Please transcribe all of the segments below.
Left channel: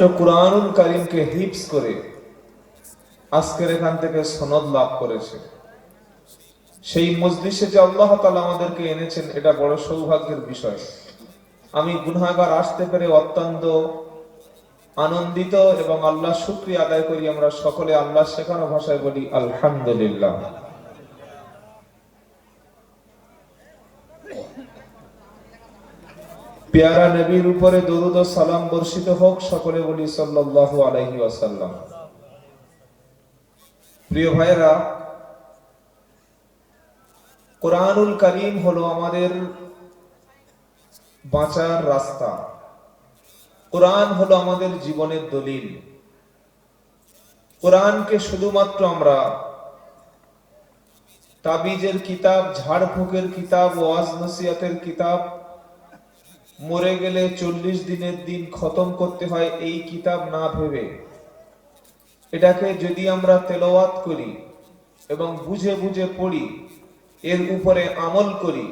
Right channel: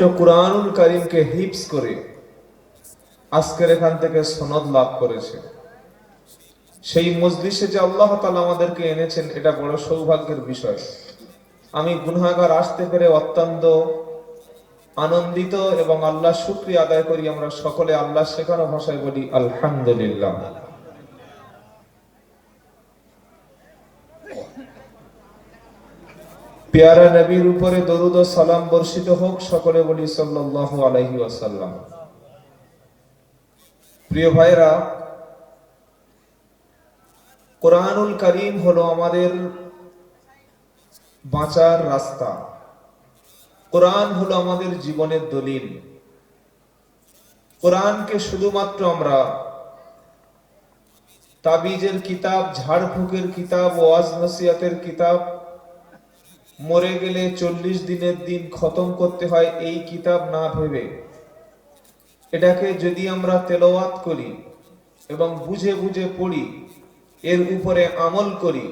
পবিত্র কুরআনুল করিমকে হিপস করে আজকের এখান থেকে সনদ লাভ করেছে। সেই মজলিসে যে আল্লাহ তাআলা আমাদেরকে এনেছেন, এটা বড় সৌভাগ্যের বিষয়। আমি গুনাহগার আসতে পেরে অত্যন্ত আনন্দিত এবং আল্লাহ শুক্রিয়া আদায় করি। আমরা সকলে আল্লাহ শেখানো ভাষায় বলি, আলহামদুলিল্লাহ। পেয়ারা নবীর উপরে দরুদ ও সালাম বর্ষিত হোক সকলে বলি সাল্লাল্লাহু আলাইহি ওয়াসাল্লাম। প্রিয় ভাইরা কোরআনুল করিম হলো আমাদের বাঁচার রাস্তা। কোরআন হলো আমাদের জীবনের দলিল। কোরআনকে শুধুমাত্র আমরা তাবিজের কিতাব, ঝাড়ফুঁকের কিতাব ওয়াজ নসিয়াতের কিতাব মরে গেলে চল্লিশ দিনের দিন খতম করতে হয় এই কিতাব না ভেবে। এটাকে যদি আমরা তেলাওয়াত করি এবং বুঝে বুঝে পড়ি, এর উপরে আমল করি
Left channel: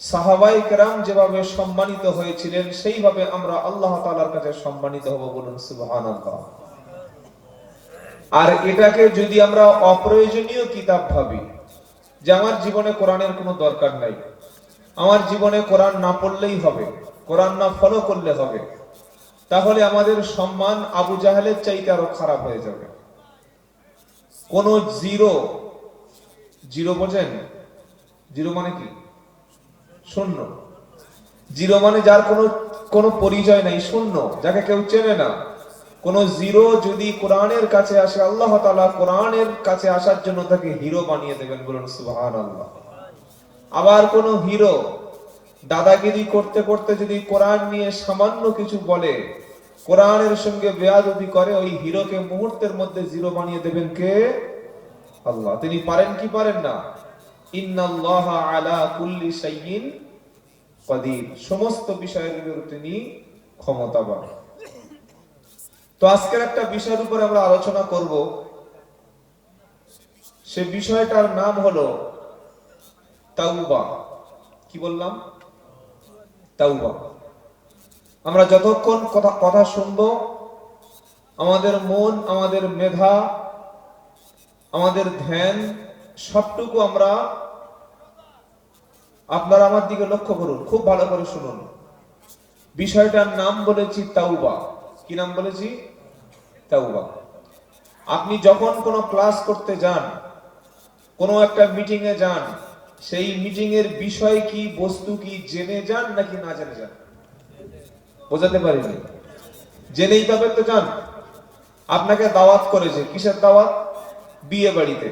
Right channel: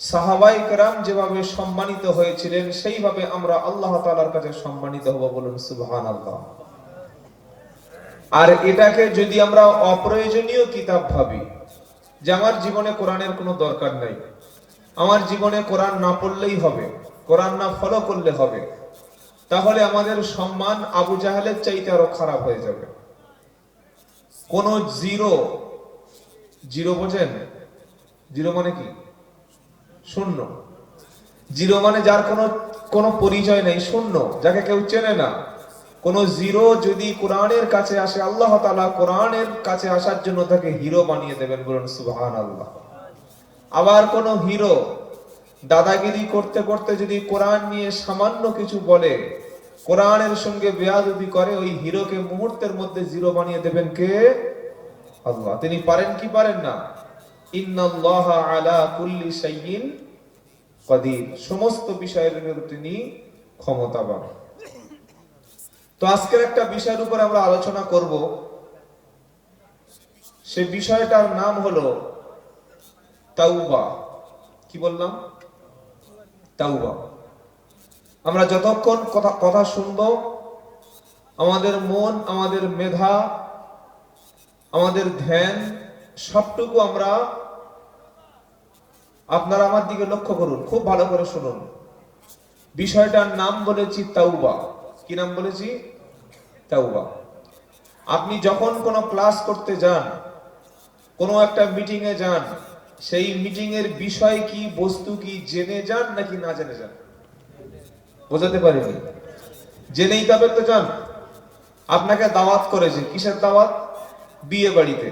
সাহাবাই যেভাবে সম্মানিত হয়েছিলেন, সেইভাবে আমরা আল্লাহ তালার কাছে সম্মানিত হব বলুন সুবহান আর এটাকে যদি আমরা অপ্রয়োজনীয় কিতাব ভাবি, যে আমার জীবনে কোরআনের কোনো দরকার নাই আমার জীবনে কোরআন না পড়লেই হবে, কোরআন না ফলো করলে হবে। তাহলে আমাদের সম্মান আবু জাহালের চাইতে আরও খারাপ হয়ে যাবে। কোন জিরো জিরো বোঝেন? জিরো মানে কি? শূন্য। জিরো মানে যার কোনো কোনো পরিচয় নাই, শূন্য। যাকে কেউ চেনে না। কোন জিরো যদি কোরআনের কাছে আসে, আল্লাহ তাআলা কোরআনের কাছে আসার জন্য তাকে হিরো বানিয়ে দেবেন বলুন সুবহানাল্লাহ। আবার কোন হিরো দাদাগিরি করতে করতে যদি কোরআন নিয়ে সামান্য কিছু বলে, কোরআনের সঙ্গে বেয়াদবি করে, ওই হিরোকে মুহূর্তের মধ্যে জিরো বানিয়ে দেবেন কে? আল্লাহ। তিনি পারেন কি পারেন না? সমস্ত বিষয়ের তিনি ক্ষমতাবান। তো আজকের একটা বিষয়ের উপর আমরা আলোচনা করব। সে বিষয়টার নাম হলো তাওবা। কি বললাম? তাওবা। আমরা যতক্ষণ কথা কথা শুনব, আমাদের মন, আমাদের মেধা, আমাদের ধ্যান, সবটুকু আমরা আপনারা আমার দিকে লক্ষ্য করুন, খুব ভালো করে শুনুন। বিষয়টার নাম বলেছি তাওবা। কি নাম বলেছি? তাওবা। আপনি যখন কোনো ক্লাস করতে যান, কোনো একটা মিটিং এ যান সেই মিটিং এর বিষয় কি, বস্তু কি, জেনে যান নাকি না জেনে যান? বোঝাতে পারিনি। জেনেই তবে তো যান। আপনাকে দাওয়াত করেছে। কিসের দাওয়াত? বিয়ে বাড়িতে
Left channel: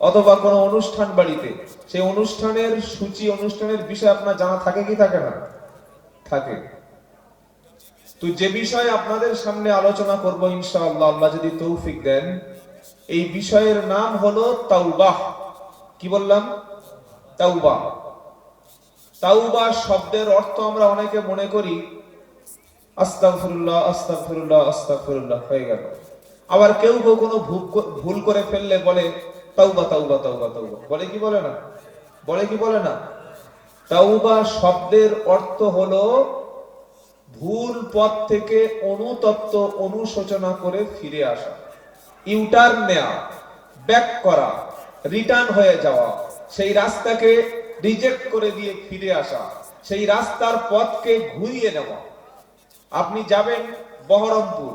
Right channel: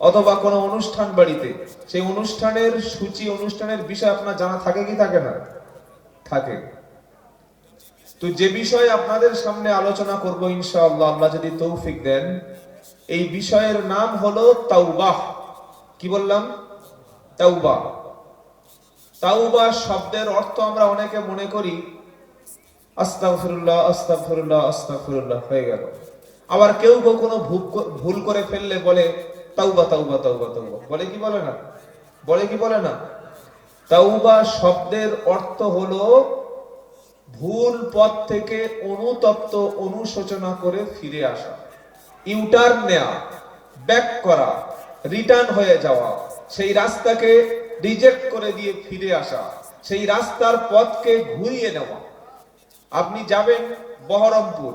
অথবা কোনো অনুষ্ঠান বাড়িতে। সেই অনুষ্ঠানের সূচি, অনুষ্ঠানের বিষয় আপনার জানা থাকে কি থাকে না? থাকে। তো যে বিষয় আপনাদের সামনে আলোচনা করব ইনশাআল্লাহ, আল্লাহ যদি তৌফিক দেন, এই বিষয়ের নাম হলো তাওবাহ। কি বললাম? তাওবা। তাওবা শব্দের অর্থ আমরা অনেকে মনে করি, আস্তাগফিরুল্লাহ আস্তাগফিরুল্লাহ আস্তাগফিরুল্লাহ, হয়ে গেল। আবার কেউ কেউ কোনো ভুল- ভুল করে ফেললে বলে, তাওবা তাওবা তাওবা তাওবা। বলে কি বলে না? বলে কি বলে না? তাওবা শব্দের অর্থ হলো ভুল পথ থেকে অনুতপ্ত অনুশোচনা করে ফিরে আসা, ইউটার্ন নেওয়া ব্যাক করা, রিটার্ন হয়ে যাওয়া। সেই রাস্তাকে রিজেক্ট করে দিয়ে ফিরে আসা, সেই রাস্তার পথকে ঘুরিয়ে নেওয়া। আপনি যাবেন বহরমপুর।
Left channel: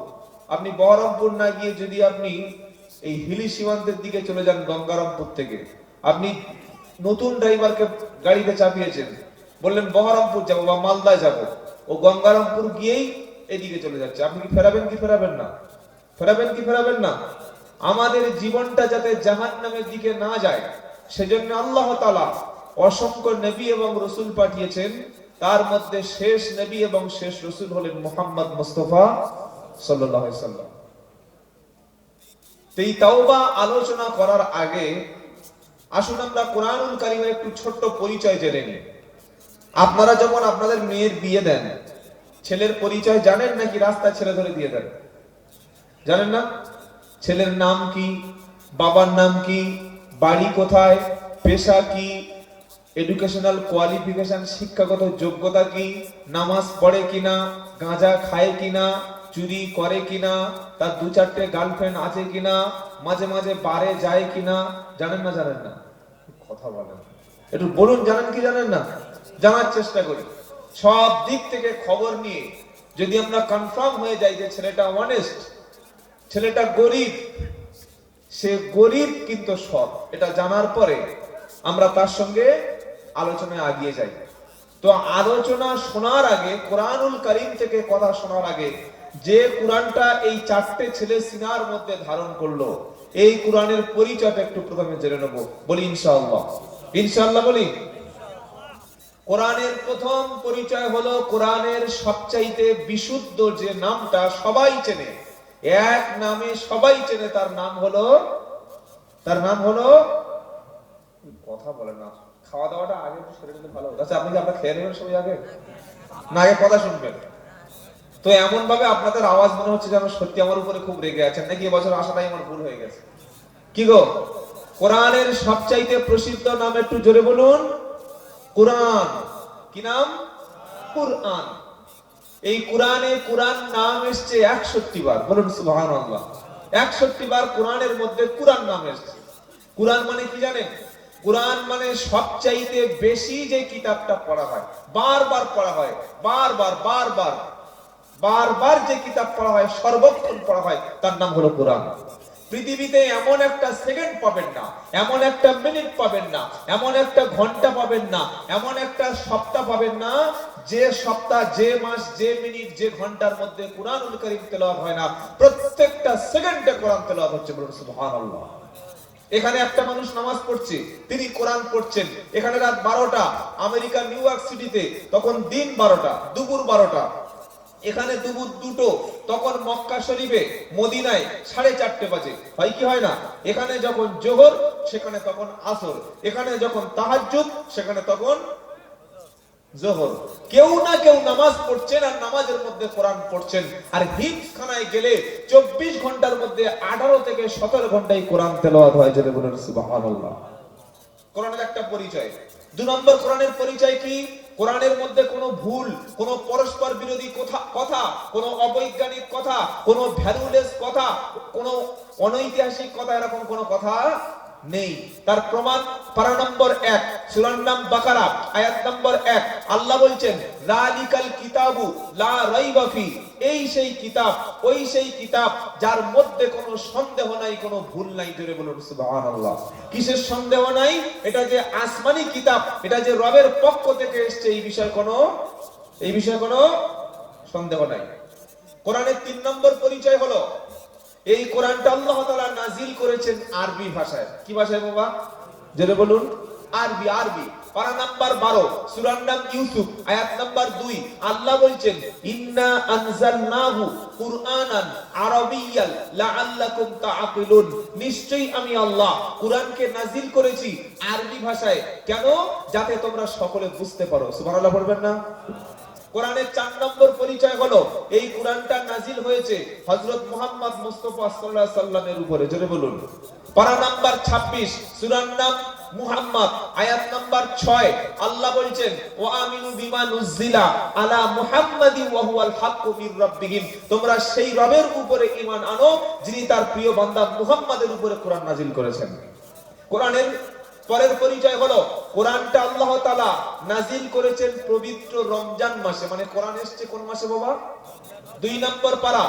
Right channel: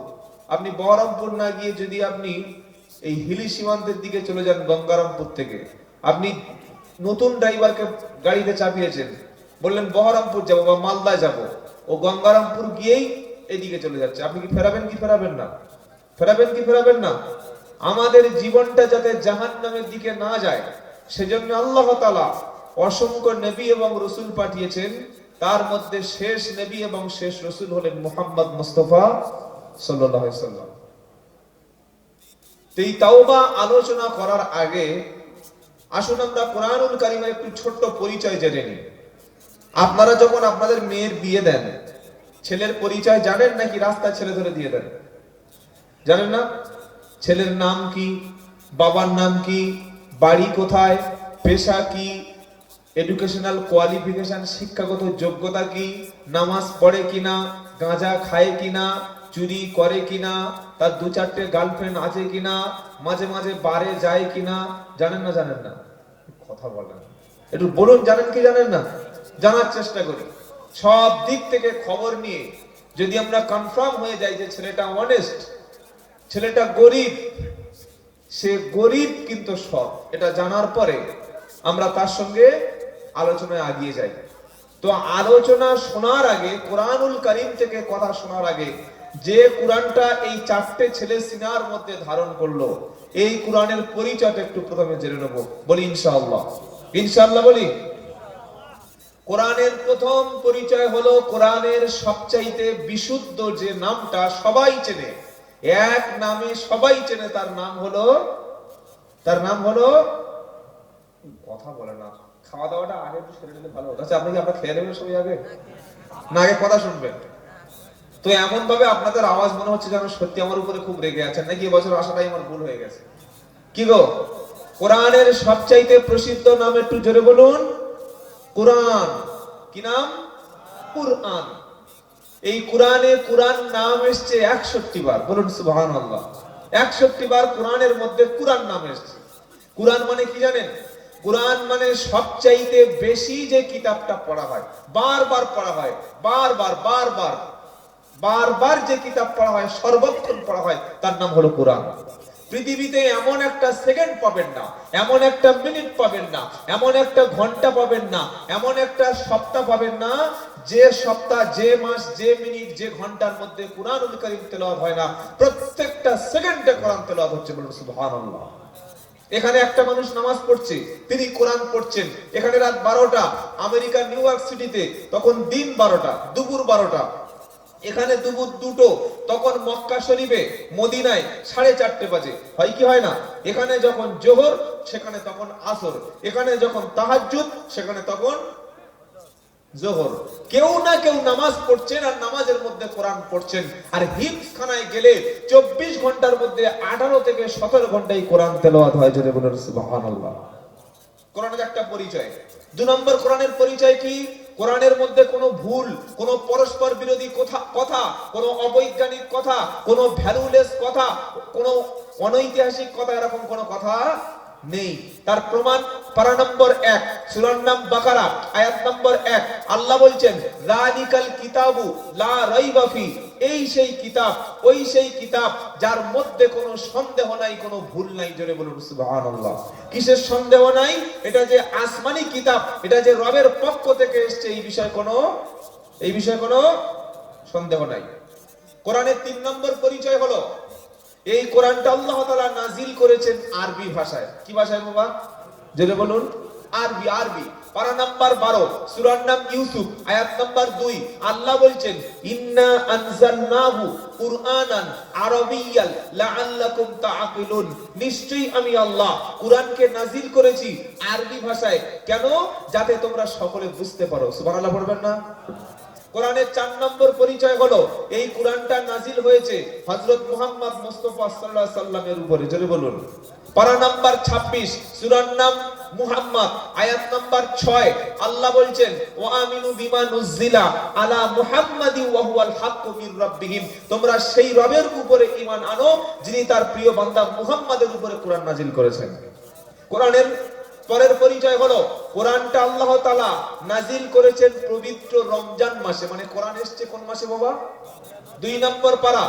আপনি বহরমপুর না গিয়ে যদি আপনি এই হিলি সীমান্তের দিকে চলে যান গঙ্গারামপুর থেকে, আপনি নতুন ড্রাইভারকে গাড়িতে চাপিয়েছেন। বললেন, বহরমপুর যাব বা মালদা যাব। ও গঙ্গারামপুর গিয়েই এদিকে চলে যাচ্ছে। আপনি কি ফেরাবেন কি ফেরাবেন না? ফেরাবেন কি ফেরাবেন না? আমাদের জীবনটা যাতে জাহান নামের দিকে না যায় সেজন্য আল্লাহ তালা অসংখ্য নবী এবং রসুল পাঠিয়েছেন। তার মধ্যে শেষ নবী এবং শেষ রসুল হলেন মুহাম্মদ মুস্তফা সাল্লাম। এই তাওবা আলোচনা করার আগে আসুন আমরা কোরআনুল কারিমের একটু ছোট্ট পরিচয় জেনে নিই। আপনারা যখন আপনাদের মেয়ের বিয়ে দেন, ছেলের পরিচয় জানেন নাকি রাস্তা ছেলে ধরে দিয়ে দেন? জানেন না? ছেলের নাম কি? বাবার নাম কি? বাড়ি কোথায়, পেশা কি এডুকেশনাল কোয়ালিফিকেশন শিক্ষাগত যোগ্যতা কি, নামাজ পড়ে কিনা, গাঁজা খায় কিনা, চুরি করে কিনা, তার দু চারটে গার্লফ্রেন্ড আছে কিনা, মাঝে মাঝে বারে যায় কিনা, জানেন না জানেন না? কথা বলেন। একটু বলুন, জানেন কি, জানেন না? জানার চেষ্টা করি। সব দিক থেকে খবর নিয়ে যদি আমরা কনফার্ম হয়ে যাই যে ছেলেটা অনেস্ট ছেলেটা গরিব সে গরিব কিন্তু সৎ। এটা জানার পরে আমরা তার সঙ্গে আলোচনায় আগিয়ে যাই। তো আলোচনা শোনার আগে, কোরআনুল কারিম থেকে কথা শোনার আগে, যে কোরআনটা এই চারটে ছেলে সিনার মধ্যে ধারণ করল, এই কোরআনের পরিচয়টা একটু প্রথমে জেনে নেব। বলি ইনশাআল্লাহ। ইনশাআল্লাহ বলি। কোরআনের প্রথম পরিচয় হলো, কোরআনের সবচাইতে বিশুদ্ধ যে নামটা সবাই চেনে। এক নামে সবাই চেনে, তার নাম হলো, তার নাম হলো, কথা বলে না, খাওয়া দাওয়াটা আগে একটু সেরে নিলে ভালো হতো। আচ্ছা আপনি কি আপনার খেয়ে নেবেন সবাই আগে? না, আগে কথা শুনবেন। তো এমন ভাবে আপনাদের আওয়াজ মনে হচ্ছে যেন সত্যি আমার উপরে খুব রেগে আছেন। নাকি এবছর আসাটাই আমার ভুল হয়ে গেছে? কি গো? কোরআনের সবচাইতে প্রসিদ্ধ নাম একটু জোরে বলুন। কোরআন। কি নাম? কোরআন। এই কোরআনে কোরআন নাম এসছে একষট্টি বার। বলুন সুবহান আল্লাহ একষট্টি বার কোরআনের মধ্যে কোরআন নাম এসছে। কোরআন মানে কি জানেন? কোরআন মানে সবচাইতে বেশি যে কিতাবটা পড়া হয়, বারবার পড়া হয়, বারবার বারবার বারবার যে কিতাব পড়া হয়, সর্বক্ষণ পড়া হয়, তার নাম হলো কোরআন। পৃথিবীতে এমন একটা সেকেন্ড পাবেন না, এমন একটা মিনিট পাবেন না, এমন একটা ঘণ্টা পাবেন না, এমন একটা সপ্তাহ পাবেন না, যে সপ্তাহ, যে মাস, যে মিনিট, যে ঘণ্টার মধ্যে কোরআন কারীম তেলাওয়াত হয় না, প্রত্যেকটা সেকেন্ডে কোরআন তেলাওয়াত হচ্ছে এখানে একটা মানুষ নামাজ পড়ছে, তিনি কোরআন পড়ছেন, এখানে রাত বারোটা, আমেরিকা নিউ ইয়র্ক সিটিতে, তখন দিন বারোটা, দুপুর বারোটা এখানে দুপুর দুটো, তখন মক্কা শরীফে মদিনায় সাড়ে চারটে বাজে। হয় কি হয় না? এখানে যখন জোহর, সেখানে তখন আসর। এখানে যখন তাহাজ্জুদ, সেখানে তখন জোহর। কেউ না কেউ নামাজ পড়ছেন আর নামাজের মধ্যে কোরআন পড়ছেন। আর হিপস খানায় গেলে চব্বিশ ঘণ্টার মধ্যে আঠারো থেকে সতেরো ঘন্টায় কোরআন তেলাওয়াত হয় যদি বলেন সুবহানাল্লাহ। কোরআনের একটা পরিচয়। দু নম্বর কোরআনের পরিচয় কি? কোরআনের মধ্যে কোনো ভুল, কোনো পরস্পর বিরোধী কথা কথা, কোনো অবৈজ্ঞানিক কথা, কোনো ভ্যালুলেস কথা, কোনো অনৈতিহাসিক কথা, এরকম কোনো কথা নেই। তার প্রমাণ পারা নম্বর এক, সুরার নাম বাকারা, আয়াত নম্বর এক। আল্লাহ বলছেন রানিকাল কিতাবু লা রাইবা ফি। এই সেই কিতাব, ওই সেই কিতাব যার মধ্যে কোনো সন্দেহ নাই, কোনো ভুল নাই, জোরে বলুন, সুবহানাল্লাহ। কিসের সন্দেহ নাই? এটা যে আসমানি কিতাব, এটা যে রবের পক্ষ থেকে এসেছে, এই বিষয়ে কোনো, এই বিষয়ে কোনো সন্দেহ নাই। কোরআনের তিন নম্বর পরিচয় হলো এই কোরআনটা আল্লাহ তাআলা নাজিল করেছেন আরবি ভাষায়। কি ভাষায় বাবা? জোরে বলুন। আরবি আরবি। পারা নাম্বার 12 সূরার নাম ইউসুফ, আয়াত নাম্বার 2 আল্লাহ বলছেন, ইন্না আনজালনাহু কুরআনান আরাবিয়াল লাআল্লাকুম তাআকিলুন। নিশ্চয়ই আমি আল্লাহ কুরআনকে নাজিল করেছি আরবি ভাষায়। কেন? যাতে তোমরা সকলে বুঝতে পারো। সুবহানাল্লাহ পড়বেন না? কোরআনের চার নম্বর পরিচয় হলো, এই কোরআনটা নাজিল হয়েছে হযরত মুহাম্মদ মুস্তাফা আলাইহি সাল্লামের উপরে। জোরে বলুন। পারা নাম্বার 26 সূরার নাম মুহাম্মদ, আয়াত নাম্বার 6 আল্লাহ বলছেন, ওয়া আমিনু বিমা নুজিলা আলা মুহাম্মাদি ওয়া হুয়াল হাক্কু মির রাব্বিহিম। তোমরা সেই রবের উপরে ঈমান আনো, যিনি তার প্রিয় বান্দা মুহাম্মাদের উপরে কোরআন নাজিল করেছেন। কোরআনের পরের পরিচয় হলো, কোরআনটা আল্লাহ তাআলা নাজিল করেছেন পবিত্র রমজান মাসে। মানে কোরআন এসেছে কোন মাসে বাবা? দুই নম্বর পারা,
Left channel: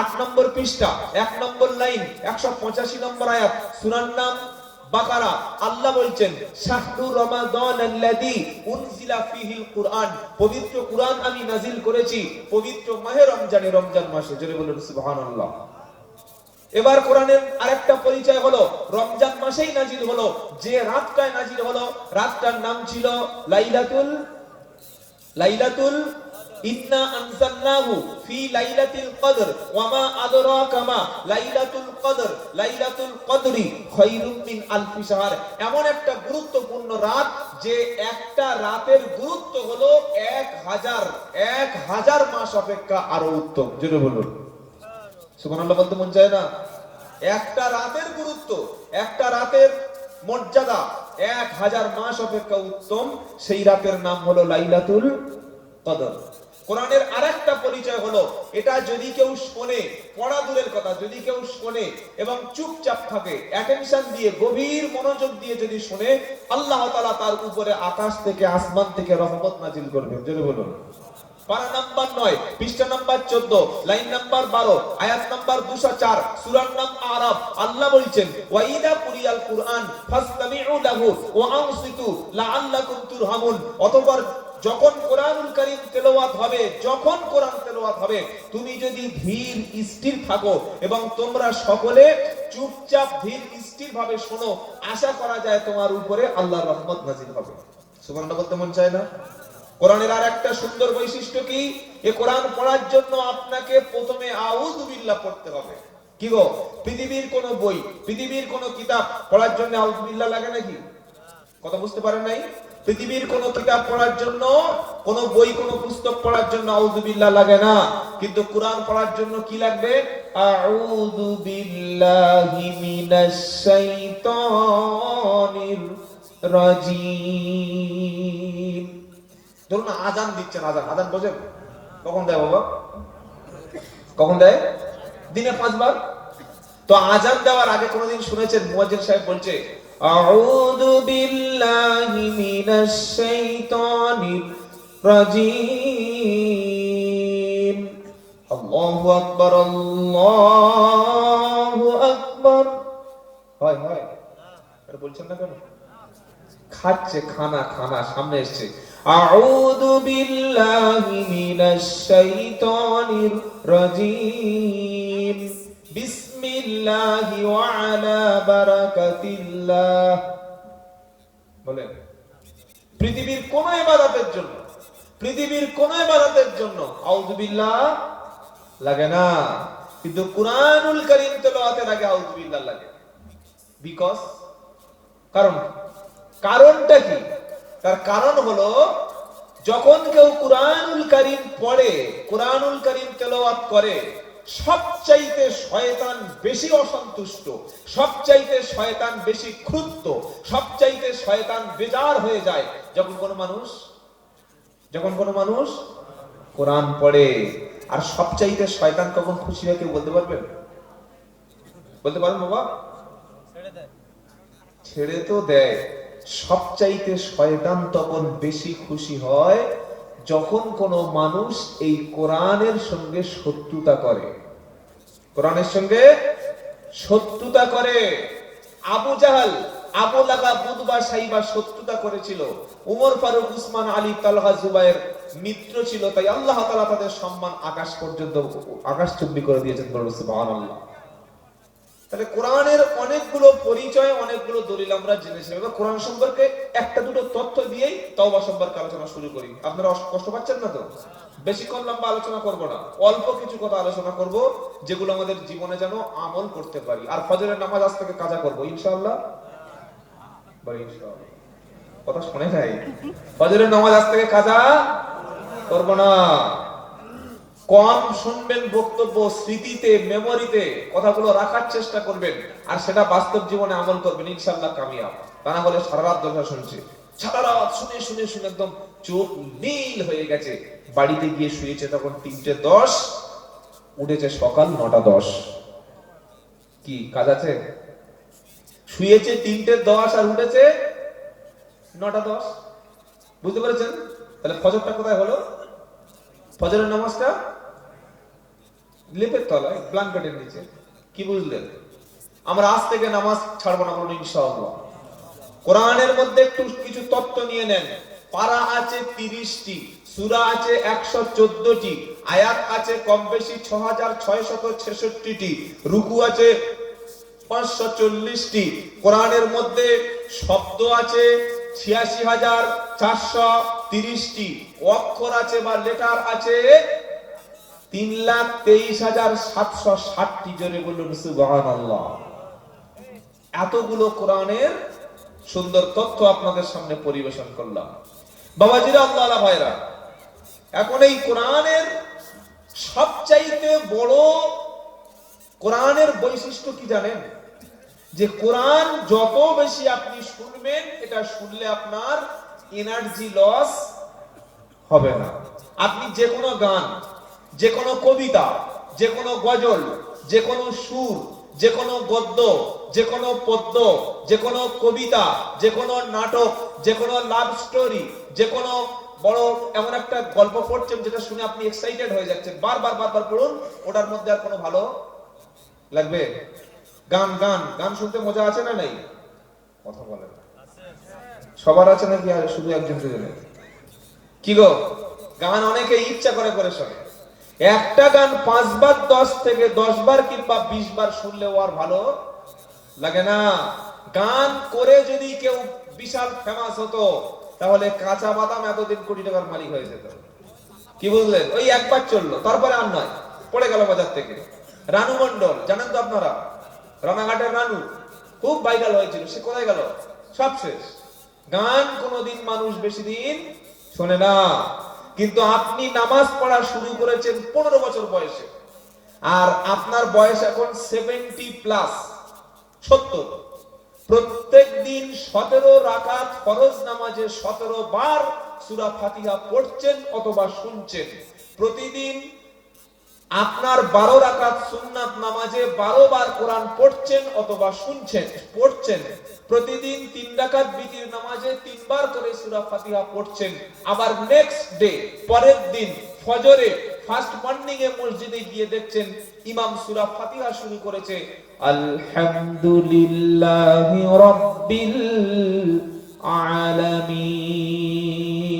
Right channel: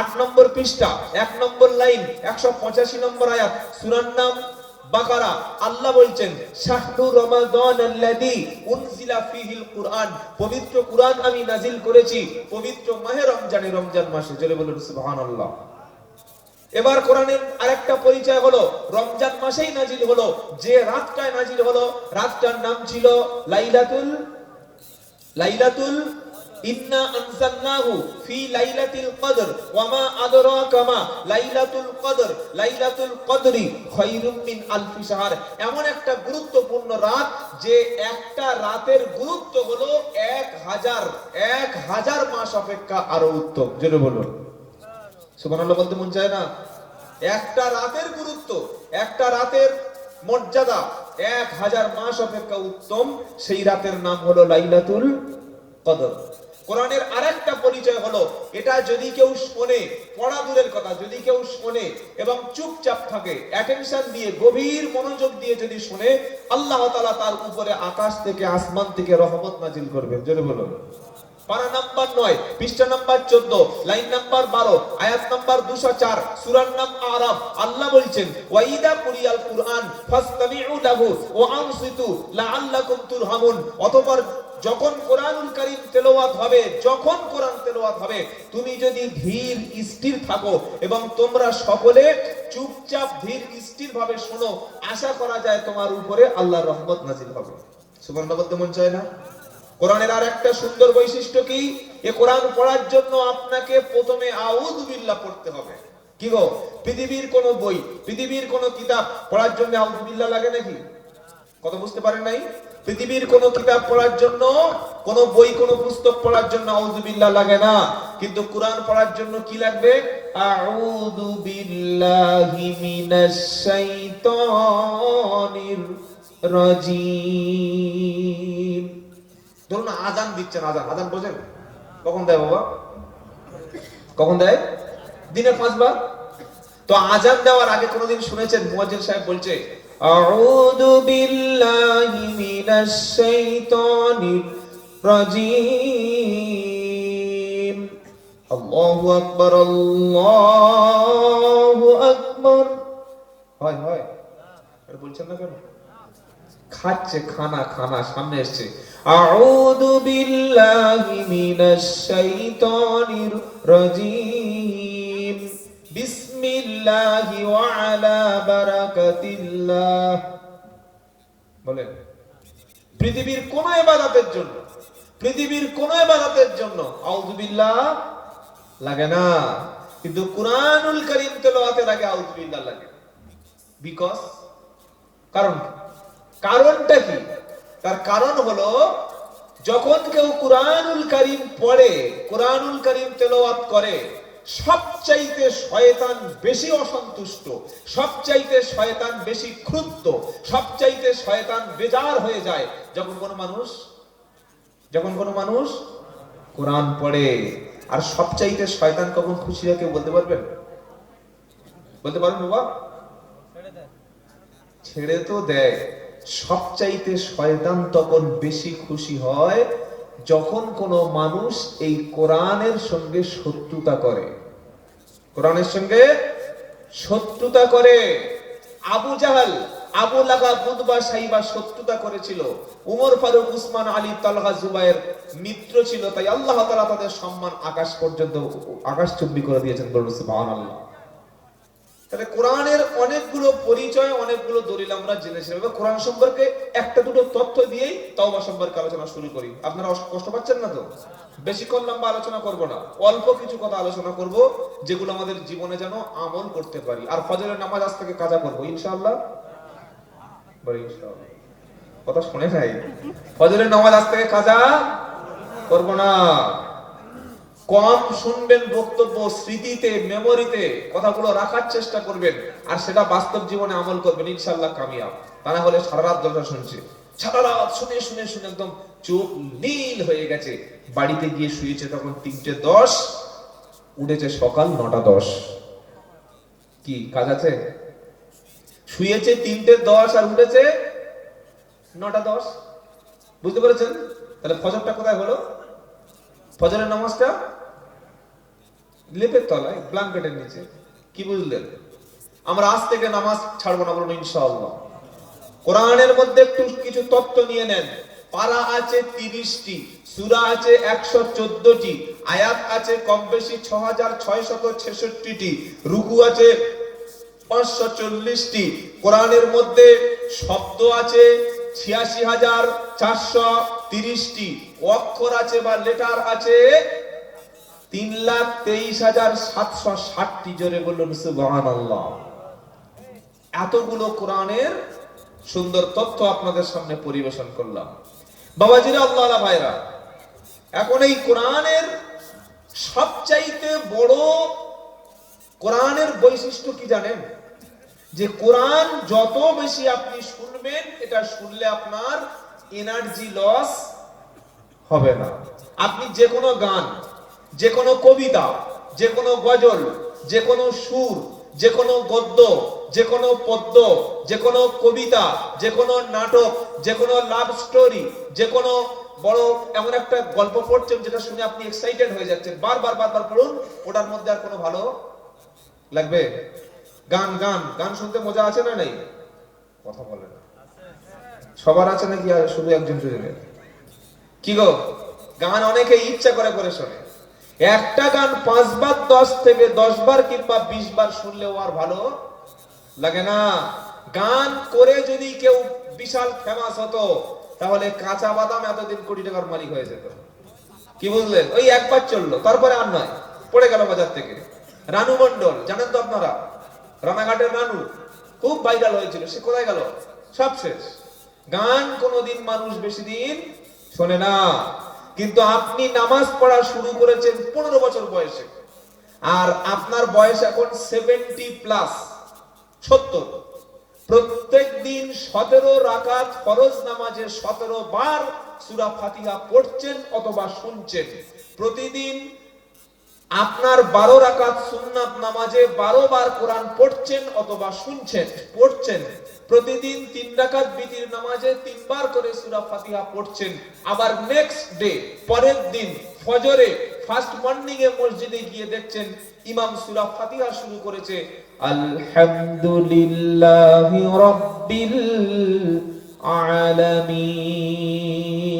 আট নম্বর পৃষ্ঠা, এক নম্বর লাইন, একশো পঁচাশি নম্বর আয়াত, সুরার নাম বাকারা। আল্লাহ বলছেন, শাহরু রমাদান আল্লাযী উনজিলা ফীহিল কুরআন। পবিত্র কুরআন আমি নাজিল করেছি, পবিত্র মাহে রমজানে রমজান মাসে। জোরে বলুন সুবহানাল্লাহ। এবার কোরআনের আরেকটা পরিচয় হলো, রমজান মাসেই নাজিল হলো। যে রাতটায় নাজিল হলো, রাতটার নাম ছিল লাইলাতুল লাইলাতুল ইন্না আনজালনাহু ফি লাইলাতিল কদর, ওয়া মা আদরাকা মা লাইলাতুল কদর, লাইলাতুল কদরি খায়রুম মিন শাহর। এমন একটা গুরুত্বপূর্ণ রাত যে একটা রাতের গুরুত্ব হলো এক হাজার এক হাজার মাস অপেক্ষা আরও উত্তম। জোরে বলুন। সুবহানাল্লাহ বলতে মন চায় না। একটা রাতের গুরুত্ব, একটা রাতের মর্যাদা, এক হাজার মাস অপেক্ষা উত্তম। সেই রাতের নাম হলো লাইলাতুল কদর। কোরআনের আরেকটা পরিচয় হলো, এটা যদি কেউ শোনে, পড়া দূরের কথা, যদি কেউ শোনে এবং চুপচাপ থাকে অ্যাটেনশন দিয়ে, গভীর মনোযোগ দিয়ে যদি শোনে, আল্লাহ তাআলা তার উপরে আকাশ থেকে, আসমান থেকে রহমত নাজিল করবেন। যদি বলুন। পারা নাম্বার নয়, পৃষ্ঠা নাম্বার চোদ্দ, লাইন নাম্বার বারো, আয়াত নাম্বার দুশো চার নাম আরব আল্লাহ বলছেন, ওয়াইদা কুরিয়াল কুরআন যখন কোরআনুল কারীম হবে, যখন কোরআন হবে, তুমি যদি ধীর, স্থির থাকো এবং তোমরা সকলে চুপচাপ ধীর স্থির ভাবে শোনো, আশা করা যায় তোমার উপরে আল্লাহর রহমত নাজিল হবে। সুবহানাল্লাহ বলতে মন চায় না? কোরআনের আর একটা সুন্দর বৈশিষ্ট্য কি? এ কোরআন পড়ার জন্য আপনাকে প্রথমে আউযু বিল্লাহ পড়তে হবে। কি গো? পৃথিবীর কোন বই, পৃথিবীর কোন কিতাব পড়ার জন্য আউযু বিল্লাহ লাগে নাকি? কথা বুঝতে পারেন নাই? পৃথিবীর কোন কিতাব পড়ার জন্য, কোন বই, কোন পুস্তক পড়ার জন্য আউযু বিল্লাহ লাগে না। কিন্তু কোরআন পড়ার জন্য কি লাগবে? আউযু বিল্লাহি মিনাশ শাইতানির রাজিম। ধরুন আজান দিচ্ছেন আজান। আজান বোঝেন? কখন দেয় বাবা? কখন দেয়? দিনে পাঁচবার। তো আজান দেওয়ার আগে কোনদিন শুনেছেন? মুয়াজ্জিন সাহেব বলছে, আউযু বিল্লাহি মিনাশ শাইতানির রাজিম। আল্লাহু আকবার আল্লাহু আকবার। হয় হয়। বলছেন না কেন? খাচ্ছে, খানা খানা, সামনে এসছে। আউযু বিল্লাহি মিনাশ শাইতানির রাজিম বিসমিল্লাহি ওয়া আলা বারাকাতিল্লাহ বলেন, পৃথিবীর কোন ইবাদতের জন্য, পৃথিবীর কোন ইবাদতের জন্য আউযু বিল্লাহ লাগে না। কিন্তু কুরআনুল কারীম তেলাওয়াতের আগে আউযু বিল্লাহ লাগে। বিকজ কারণ? কারণটা কি? তার কারণ হলো, যখন কেউ কুরআনুল কারীম পড়ে, কুরআনুল কারীম তেলাওয়াত করে, সবচাইতে শয়তান বেশি অসন্তুষ্ট, সবচাইতে শয়তান বেশি ক্রুদ্ধ সবচাইতে শয়তান বেজার হয়ে যায়। যখন কোনো মানুষ, যখন কোনো মানুষ কোরআন পড়ে, আর সবচাইতে শয়তান কখন খুশি হয় কেউ বলতে পারবেন? বলতে পারবেন বাবা? ছেড়ে তো দেয়। সবচাইতে শয়তান তখন বেশি খুশি হয় যখন কোন মানুষ এই কোরআনের সঙ্গে শত্রুতা করে। কোরআনের সঙ্গে শত্রুতা করে। আবু জাহাল, আবু লাগা বুদবা সাইবা শত্রুতা করেছিল। উমর ফারুক, উসমান আলী, তালহা জুবাইর মিত্র ছিল। তাই আল্লাহ তাআলা তাদের সম্মান আকাশ পর্যন্ত আকাশ চুম্বি করে দিয়েছেন বলুন সুবহানাল্লাহ। তাহলে কোরআনের অনেকগুলো পরিচয়, অনেকগুলো দলিল আমরা জেনেছি এবার কোরআন সম্পর্কে একটা দুটো তথ্য দিয়েই তওবা সম্পর্কে আলোচনা শুরু করি। আপনারা কষ্ট পাচ্ছেন না তো? বেশিক্ষণ লম্বা আলোচনা করব না। অল্প কিছু কথা আলোচনা করব, যেগুলো আমাদের জীবনে যেন আমল করতে পারি। আর ফজরের নামাজ আজ থেকে কাজা করব ইনশাআল্লাহ। কথা শুনে নাই? ফজরের নামাজ আজ থেকে কাজা করব না। কম শুনবেন বক্তব্য, স্মৃতিতে মেমোরিতে কথাগুলো রাখার চেষ্টা করবেন, আর সেটা বাস্তব জীবনে আমল করবেন ইনশাল্লাহ কামিয়াব। তা না হলে সারা রাত দশা শুনছে। সারা রাত শুনে শুনে শুনে একদম চোখ নীল হয়ে গেছে। বাড়িতে গিয়ে শুয়েছে তখন তিনটে দশ, উঠেছে সকাল নটা দশ। কি, কাজ আছে? শুয়েছে তিনটে দশ আর উঠেছে নটা দশ। বুঝতে পেরেছেন? তাহলে ফজরটা কোথায় হলো? ফজরের নামাজটা? লেপের তলায়, ব্ল্যাঙ্কেটের নিচে। কি বুঝলেন? আমরা আজ থেকে নামাজ ছাড়বো না বলুন ইনশাআল্লাহ। কোরআনের মধ্যে একটু কিছু তত্ত্ব নিয়ে নেন। পারা আছে তিরিশটি, সুরা আছে একশো চোদ্দটি, আয়াত আছে কম বেশি ছ হাজার ছয় শত ছেষট্টিটি, রুকু আছে পাঁচশো চল্লিশটি, কোরআনের মধ্যে শব্দ আছে ছিয়াশি হাজার চারশো তিরিশটি, অক্ষর আছে বা লেটার আছে তিন লাখ তেইশ হাজার সাতশো ষাটটি জোরে বলুন, সুবহানাল্লাহ। এতগুলো কোরআনের সুন্দর তথ্য আপনাদের সামনে পরিবেশন করলাম। বাবাজিরা আল্লাহ ভাইরা, এখন এই কোরআনের সবচাইতে বড় কোরআনের বৈশিষ্ট্য কি জানেন? যে কোরআন যত বেশি আপনি শুনবেন, এটা শুনলে আপনার এনার্জি লস হবে না। আপনি যে কোনো গান যে কোনো কবিতা, যে কোনো গজল, যে কোনো সুর, যে কোনো গদ্য, যে কোনো পদ্য, যে কোনো কবিতা, যে কোনো নাটক, যে কোনো লাভ স্টোরি যে কোনো বড় এমন একটা গল্প পড়ছেন যেটা শুনে আপনি এক্সাইটেড হয়ে যাচ্ছেন। বারবার বারবার পড়ুন, ওটার মধ্যে আর কোনো ভালো লাগবে? গান গান গান শুনতে মজা আছে না নাই? কথা বলেন। সবার আছে নাকি আর শুধু একজন কি গো? গান অনেকে ইচ্ছা করে করে শোনে। একটা গান পাঁচবার, দশ থেকে দশ বার কিংবা বিশ বার শুনলেও আর ভালো লাগে না। গান করে যদি কেউ বিশাল ফেমাস হতো, তাহলে কাঁচা বাদাম এতদিন কোটি টাকার মালিক হয়ে যেত। কি বুঝলেন ওই একবার চলল, তারপরে আর নয়। পড়ে গেল বাজার থেকে। রানু মন্ডল জানেন তো আপনারা? রানাঘাটের রানু। খুব ভাইরাল হয়েছিল, সে কোথায় গেল? সব শেষ। গান কোনোদিন মানুষ বেশি দিন শোনে না। কিন্তু আপনি নামাজ পড়া শুরু করেছেন পনেরো বছর বয়সে। আর আপনার বয়স এখন সেভেন্টি প্লাস সত্তর। প্রত্যেক দিন সতেরো রাকাত ফরজ নামাজে সতেরো বার সুরা ফাতিহা পড়ছেন অথবা শুনছেন। প্রতিদিন আপনার বারো রাকাত সুন্নাত নামাজে বারো বার কোরআন পড়ছেন অথবা শুনছেন, পড়ছেন, প্রতিদিন তিন রাকাত বিতির নামাজে তিনবার করে সূরা ফাতিহা পড়ছেন, আবার নেক্সট ডে পরের দিন ফজরে ফার্স্ট মর্নিং এ মসজিদে গিয়ে দেখছেন ইমাম সূরা ফাতিহা শুরু করেছে, আলহামদুলিল্লাহি রাব্বিল আলামিন।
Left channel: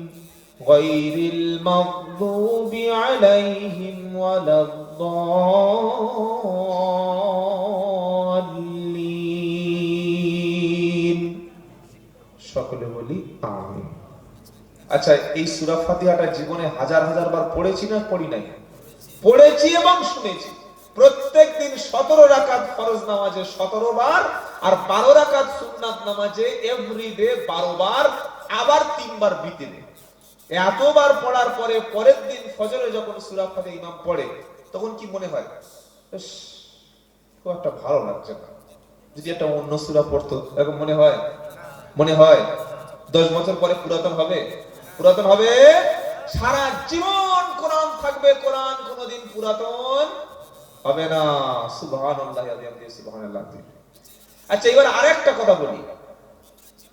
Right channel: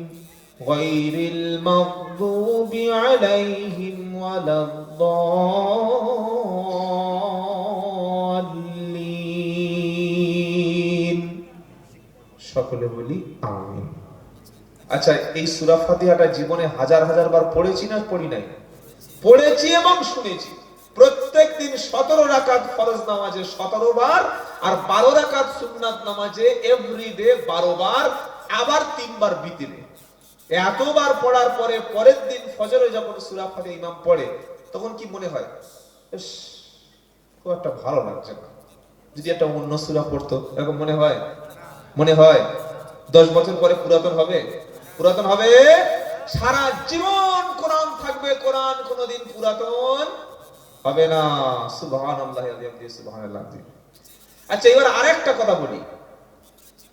غير المغضوب عليهم ولا الضالين সকলে বলি আমিন আচ্ছা এই সূরা ফাতিহাটা জীবনে হাজার হাজার বার পড়েছি না পড়ি নাই পড়েছি এবং শুনেছি প্রত্যেক দিন সতেরো রাকাত ফরজ নামাজে সতেরো বার আর বারো রাকাত সুন্নাত নামাজে এভরি ডে বারো বার আবার তিনবার বিতিরে এতবার পড়ার পরে, পরের দিন ফজরে যখন সূরা ফাতিহা ইমাম পড়ে, তখন কি মনে হয়? একটা ভালো লাগছে না। যদি একটা অন্য সূরা পড়তো, এরকম মনে হয়? মনে হয়? দশ বছর পরে পুরাতন হবে? পুরাতন হবে? সারা জীবন কোরআন থাকবে, কোরআন কোনোদিন পুরাতন হবে না। সুবহানাল্লাহি ওয়া বিহামদিহি, সুবহানাল্লাহ। আচ্ছা এবার আরেকটা কথা বলি।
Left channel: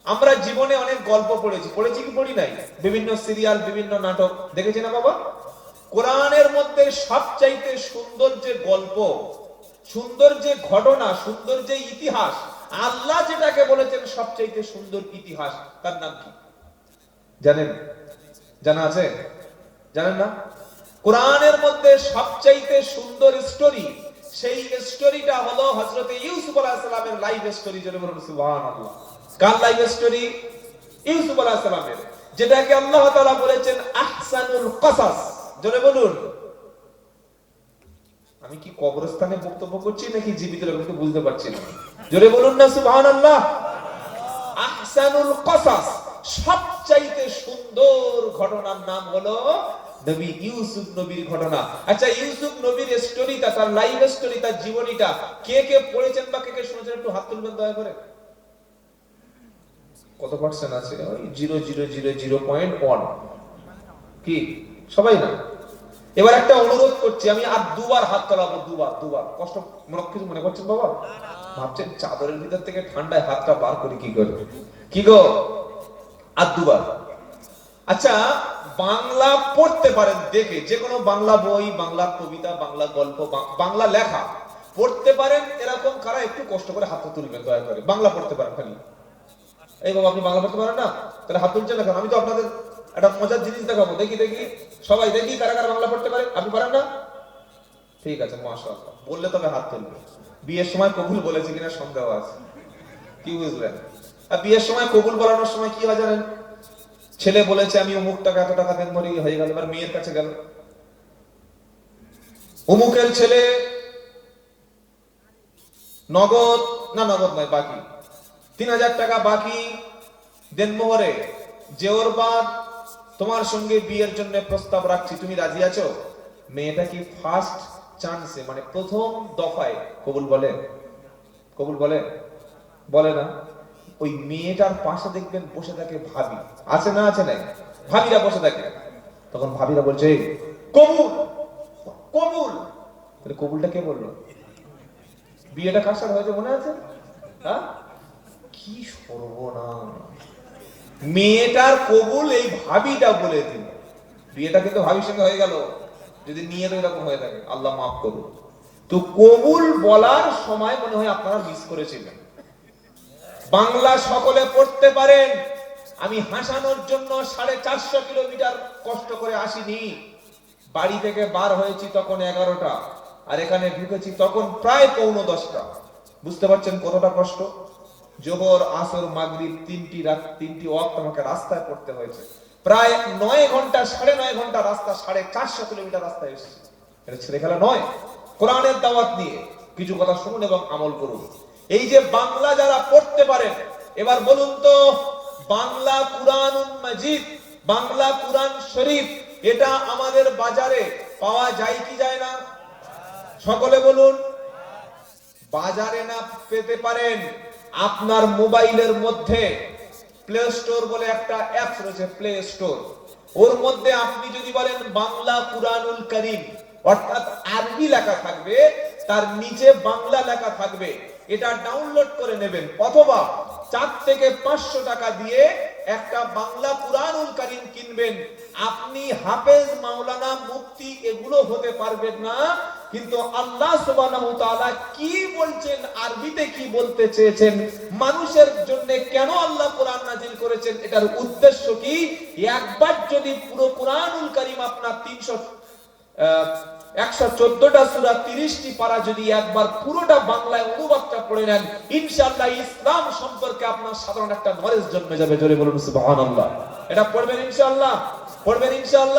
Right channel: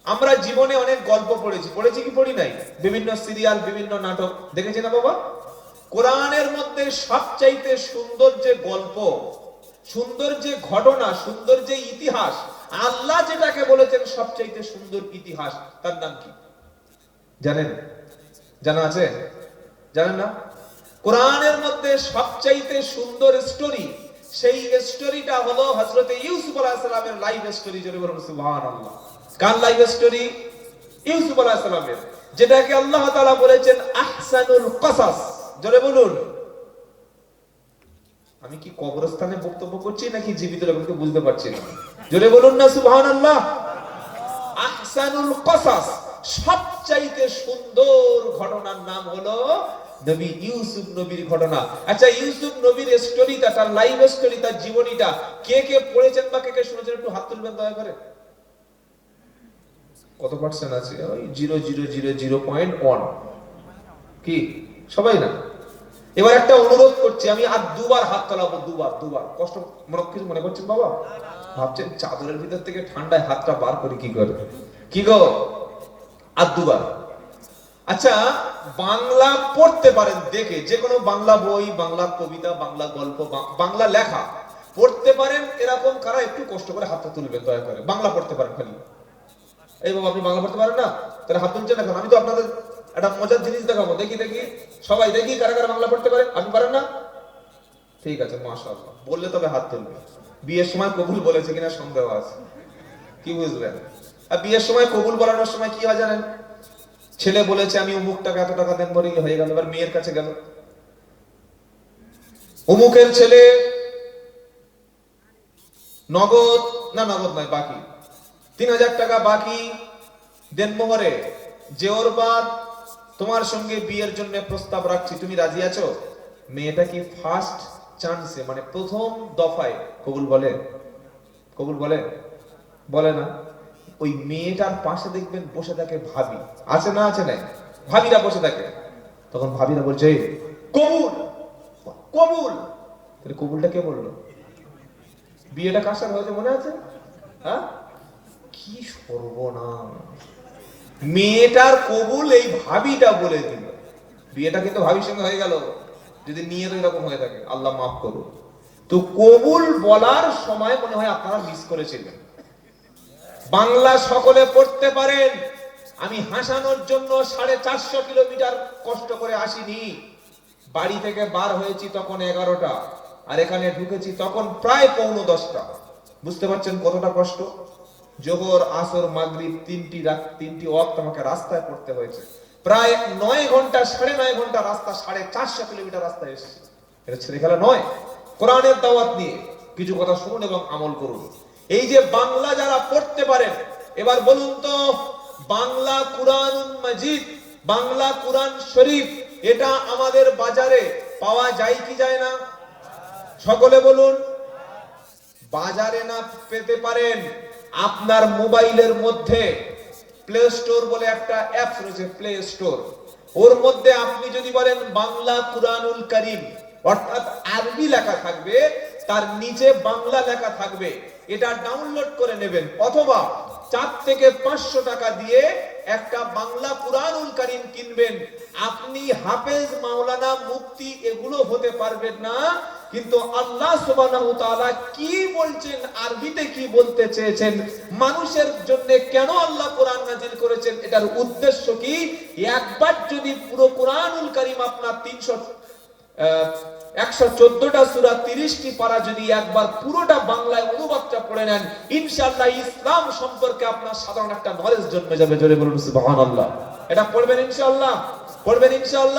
আমরা জীবনে অনেক গল্প পড়েছি। পড়েছি কি পড়ি নাই? বিভিন্ন সিরিয়াল, বিভিন্ন নাটক। দেখেছি না বাবা? কোরআনের মধ্যে সবচাইতে সুন্দর যে গল্প, সুন্দর যে ঘটনা, সুন্দর যে ইতিহাস, আল্লাহ যেটাকে বলেছেন সবচাইতে সুন্দর ইতিহাস, তার নাম কি? জানেন? জানা আছে? জানেন না? কোরআনের মধ্যে সবচাইতে সুন্দর স্টোরি সেই স্টোরিটা হলো হযরত ইউসুফ আলাইহিস সালামের লাইফ স্টোরি জোরে বলুন, সুবহানাল্লাহ। কার স্টোরি ইউসুফ সালামের। যেটাকে আল্লাহ বলেছেন, আহসানুল কসাস। জোরে বলুন। আমি কি কবরস্থানে বক্তব্য করছি নাকি জীবিত বুঝতে পারছি না। জোরে বলুন না আহসানুল কসাস, সবচাইতে সুন্দর ঘটনার নাম হলো নবী ইউসুফ নবীর ঘটনা। আচ্ছা ইউসুফ নবীর স্টোরিটা তার লাইভ স্টোরি তার জীবনীটা কে কে পড়েছেন বা কে কে শুনেছেন একটু হাত তুলবেন দয়া করে? কত পার্সেন্ট আছে? ওই zero zero zero zero point one কি? সবাই না? এবার একটা অনুরোধ করছি, আমি আর দুবার হাত তোলাবো, দুবার দুবার। কষ্ট, মনে কিছু মনে করছেন বাবা? ভাবছেন চাদরের ভিতর থেকে ঠান্ডায় হাতটা বার করি কি করে? কি গো? আর দুবার। আচ্ছা বাংলা পড়তে পারেন, দেখে। যে কোনো বাংলা বই, বাংলা কবিতা, বাংলা গল্প বাংলা লেখা। পড়তে পারেন, এরকম কারা একটু কষ্ট করে হাতে তুলবেন, দয়া করে। বাংলা পড়তে পারেন খালি। এই বাবা, আপনি বাংলা পড়তে পারেন না? হাত তুলছেন এখন। আমি তো আপনাদের একটা মজার জিনিস দেখাবো। দেখি দেখি। সবাই দেখি কারা কারা বাংলা পড়তে পারে। আপনি পারেন না? ঠিক আছে, মাশাআল্লাহ। বললে তবে হাত তুলবে। বিয়ের সময় কবুল বলেছে কিনা সন্দেহ আছে। কি বুঝলেন? আর বিয়ের সময় কবুল বলানোর সময় কি হয় জানেন? ছেলে বলেছে, আমি অমুক টাকা এত টাকা দেন পরে হয়ে গেল। এবার মেয়ের কাছে গেল। অমুকের ছেলে নগদ, না নগদ নয়, বাকি। তিন হাজার টাকা বাকি দেন মোহরে যে ওর বাদ, তোমার সঙ্গে বিয়ের জন্য প্রস্তাব রাখছি, তুমি রাজি আছো? মেয়েটা কি ফার্স্ট চান্সে মানে প্রথম দফায় কবুল বলে? কবুল বলে? বলে না। ওই মেয়েটার পাশে দেখবেন বসে থাকে ভাবি। আছে না আছে নাই? ভাবিরা বসে থাকে। তখন ভাবিরা বলছে, কবুল! কবুল! তাহলে কবুলটা কে বলল? বিয়েটা কার সাথে হয়েছে মনে আছে? হ্যাঁ? কি সর্বনাম মেয়েটার কবুল এই ভাবিটা বলে দিল। বিয়েটা কিন্তু ভাবির সঙ্গে হয়ে গেল। যদি নিয়ে তো এরকম হয়ে থাকে, আল্লাহ মাফ করুন। তো কবুল বলার সময় মনে হয় আপনারা মিস করেছিলেন। বাংলা সকলে পড়তে পারেন। আমি হাসানোর জন্য সাড়ে চারশো কিলোমিটার কষ্ট করে আসিনি। বাড়ি থেকে বার হয়েছি তখন এগারোটা, আর এখানে ঢুকেছি তখন প্রায় পৌনো দশটা। বুঝতে পারছেন কতটা কষ্ট? জোহর, আসর, মাগরিব তিনটি তিনটি ওয়াক্ত আমাকে রাস্তায় করতে হয়েছে। প্রায় নয় ঘণ্টা, সাড়ে নয় ঘণ্টা রাস্তা, সাড়ে চারশো কিলোমিটার রাস্তায় এসেছি। এটা ছেলে খেলা নয়। কোরআনের দাওয়াত নিয়ে কিছু কথা শুনুন এবং আমল করুন। এই যে বাংলা যারা পড়তে পারেন, এবার বলুন তো, বাংলা কুরআন মাজিদ, বাংলা কুরআন শরীফ, এটা আমাদের বাজারে পাওয়া যায় কি যায় না? সকলে বলুন, বাজারে না পেতে পারেন। আপনার মোবাইলের মধ্যে প্লে স্টোর বলে একটা অ্যাপ রয়েছে প্লে স্টোর ওর মধ্যে আপনি যদি বলেন বাংলা কুরআনুল করিম, অর্থাৎ আরবি লেখা থাকবে, তার নিচে বাংলা লেখা থাকবে, এটা ডাউনলোড করে নেবেন। অথবা চার থেকে পাঁচশো টাকা দিয়ে একটা বাংলা কুরআনুল করিম কিনবেন। আপনি হাফেজ, মাওলানা, মুফতি এগুলো হতে পারবেন না। কিন্তু আল্লাহ সুবহানাহু কি বলছেন, আরবিতে কি বলতে চেয়েছেন, মানুষের জন্য কেন আল্লাহ কোরআন নাজিল করেছেন, এটার উদ্দেশ্য কি? একবার যদি পুরো কোরআনুল করিম আপনার তিনশো একশো চোদ্দটা সুরা, তিরিশটি পারা যদি একবার পুরোটা বাংলায় পড়ে নেন ইসলাম সম্পর্কে আপনার সাধারণ একটা জন্মে যাবে এটা ইনশাল্লাহ পড়বেন ইনশাআল্লাহ?